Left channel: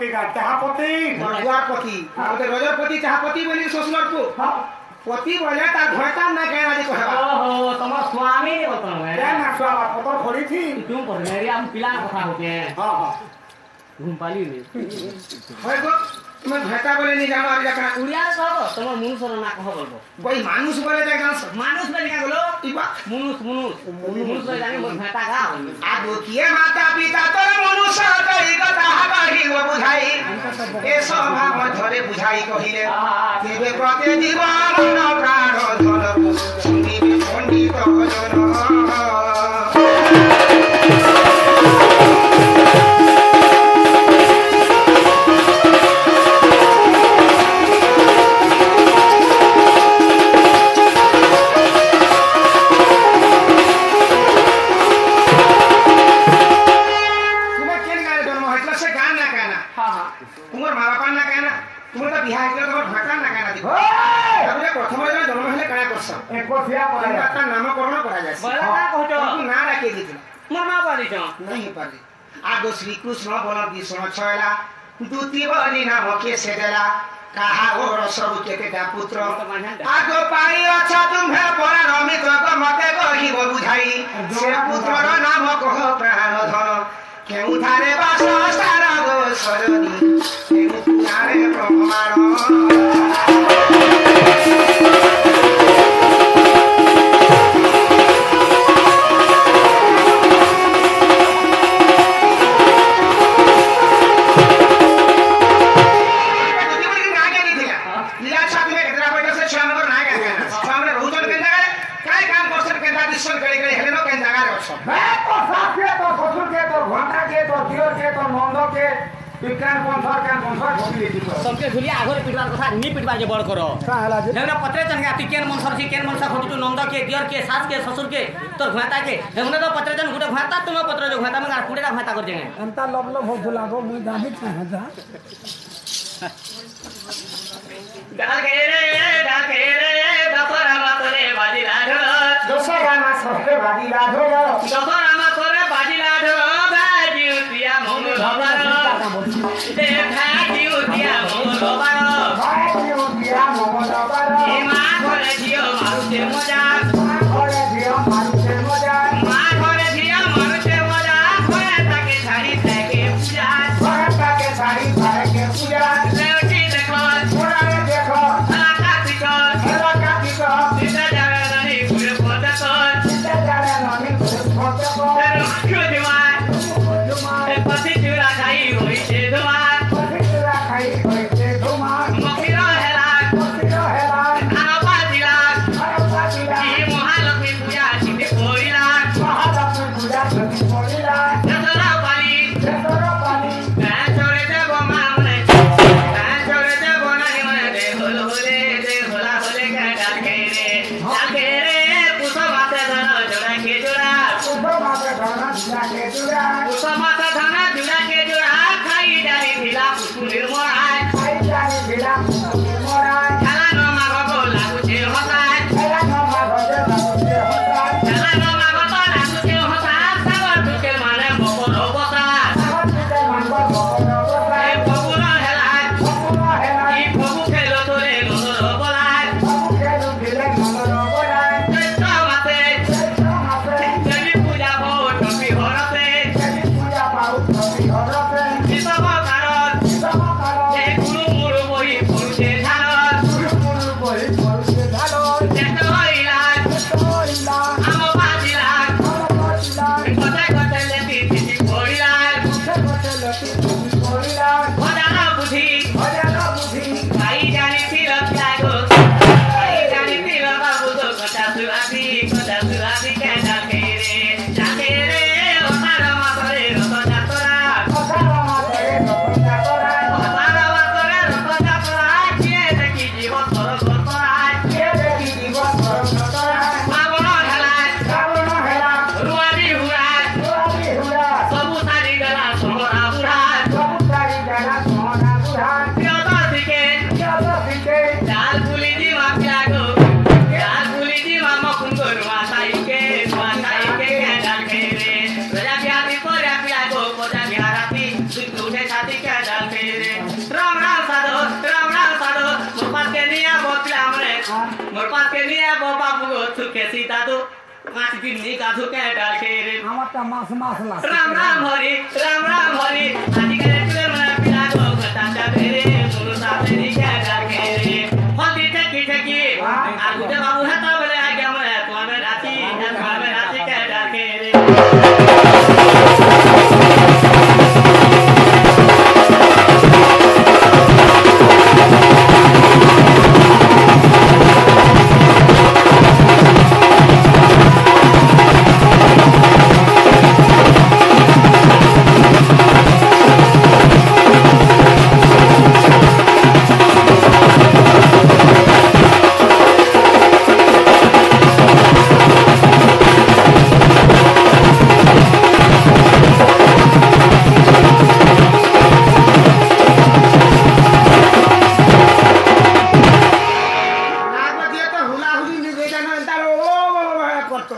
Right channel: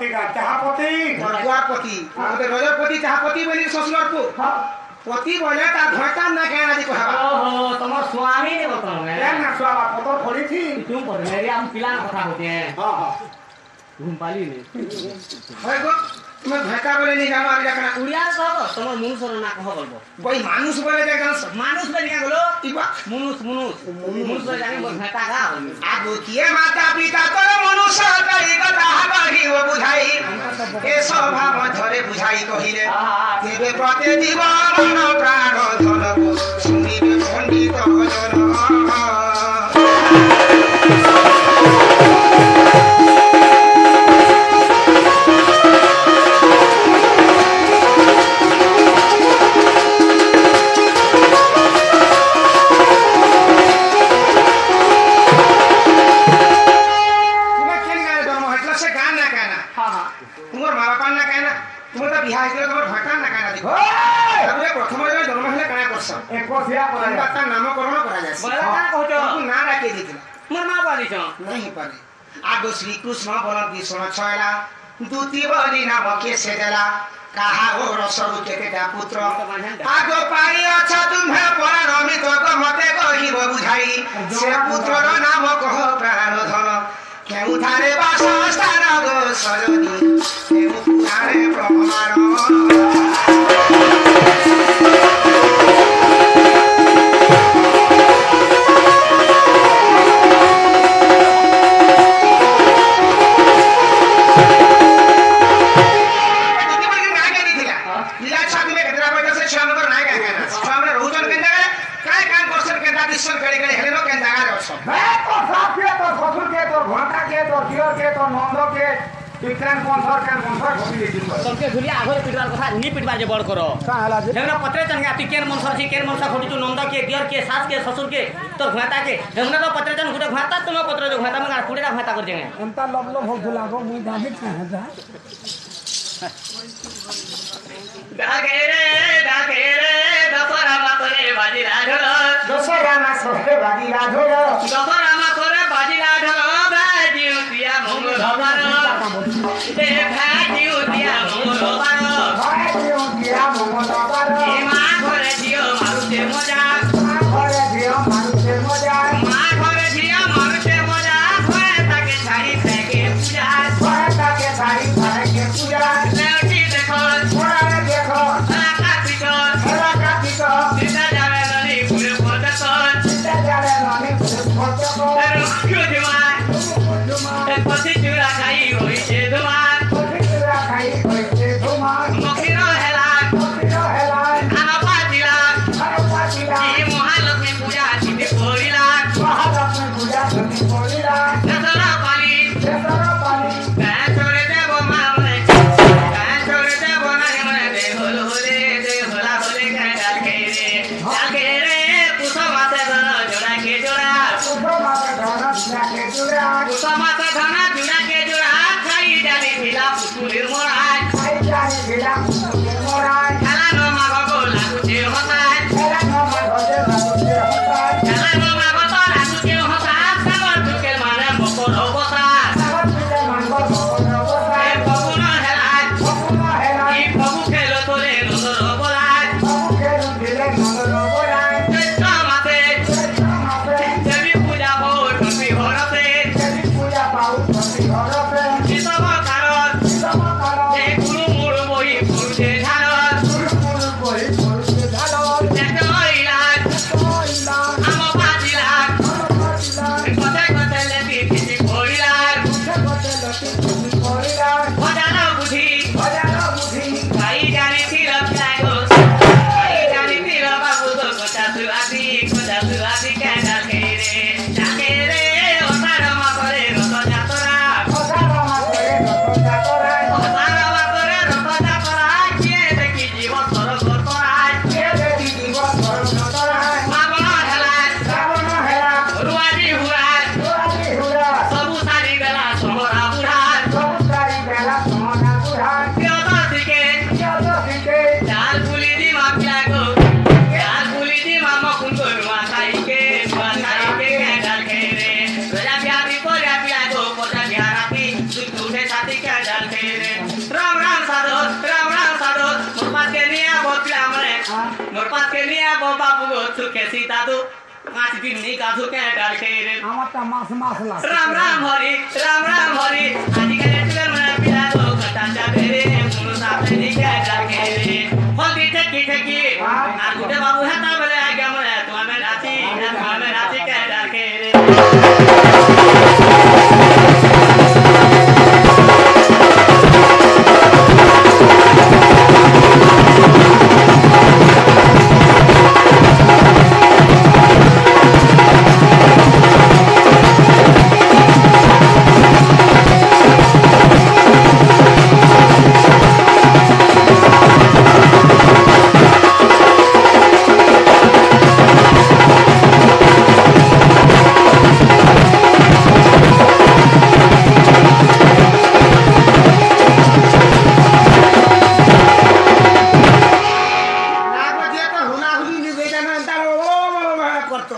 पति का चाहपति दुआर पति ओते रजर पति चाहपति बोली ससुर को पति बोले ता घरता ना कहना जी कहबा ओहो तुम स्वामी ने बोलतो क्या ना स्वामा पतर पड़ी थी तुम पर मेरी हम पिला कथा होते हैं हां हां घूम पाली ने होय गो तुम घरता बोले नहीं जानो आरी जाकना उड़िया रे कहबो तुम मनुष्य ना कह बोलबो कोई मानुष बोले जाय जान मानुष बोले क्या बोलो इबा मनुष्य बोले जाने मोर घाटा का आ दुखिए माता पिता तोर मनुष्य करी कथा बाही हो बुझाई ए स्वभाव धरे बुझाई कहिले केबे प्रति जीवन प्राण धरबो सुनिबे पंडित भजन आगो श्री कृष्ण बल विष्णु छयला दूती बनी नाम के से देला कहा हो रसरु केतेटा पुत्र आगो पाई अच्छा तुम्हे परामित मते कहिब बुझाई से पुत्रर नाम कह प्राण धन केउ थारे वासस्थान गो सरनी केउ पुराणे प्रमाण सबके झुलिया आघर पिटवार कथा नी पिटवार जे बड़ करो हेमना पत्रे तनगा ती केन मनसर छी केन मनसा खोटी तू नंद के दियर के सास के ससुर के तोर घाटा के हेमना तो पत्रे तन गुटे घाटा तुम पत्रे जो घाटा में कुड़े का घाटा कर देंगे अंता लब हो लागो मुई दाहित ना जा डाके रे दसरा मातरे बाजी राघव दसरा ना सहे बाजी राघव दसरा मातरे बाजी राघव भाजी उतिया मोर धबर दे भाजी उतिया मोर धबर भाई दिया मोहन ए मा घरे जियो मारुते मजा घरे दिया मारुते मजा मा घरे जियो मारुते मजा खोए ताके छाड़ी थाके पूजा खोए ताके छाड़ी थाके पूजा देखी देखो छोरा देखो आका पिको सीता जावे ननी पुरे पदको सीता जावे ननी पुरे पदको कुजुमा पति चूरा खाई होई छे धुमा पति चूरा खाई होई छे धुमा मखिरो हेला आना पातिला ई महालक्ष्मी पूजा छिते कोइला दसरा पानी छोरे देव मामले छोरे देव नानी मने दे होला होले डाल के रे पुष्प माते धन जोड़ा के जोड़ा खाई जाने भिला पुष्पुलिर मोराय खेला न माग बोला कुचे हसाय खेला न माग तो कुचे हसाय सावर दुकेर माने बकर बसा ए बकुन हेलाय ई बकु खेलो तोले नजर बोलाय चैत्र माते देवी पूजा हो टोपी हरते किसम कारण ए गुरु मुरु बही पुरुषे ढाल देखो इलाज आम पातिलाज कते कते लेती किसी कोइलाज भजन बुद्धि भाई जानी फिर जागो भाई जानी फिर बाबू तो कटा सुआती के डाके रे ओसार मा करे रत जातरा किए देखी जीव सरग तराय बाबन हेलाय रुआरी हुराय सबु सारी बेला सोहरा बुढ़ाय चाल बुली दी मा प्यागो चाल बुली दी मा मकुन गरुआ साई के डाल के रे रजा प्यारी पर प्यागो पजा प्याराती तू साथी के डाल के पिला मने मोर पास के निया बाबू गो थुके सीता तो 5 दिन नहीं गाधु के डाल के रे আমারটা মাছ মাছ লাগে राम राम हरि आजकल टुगर मने पिला गो घटा जाबे रे मुनु साथे नहीं के डाल के रे हल्दी ठकी आ गुटे बाबू हेता बेले आ गया मने तुआ में नाची के डाल के नाग जे तो हुला हुली निवेदन अंतर ओ करतो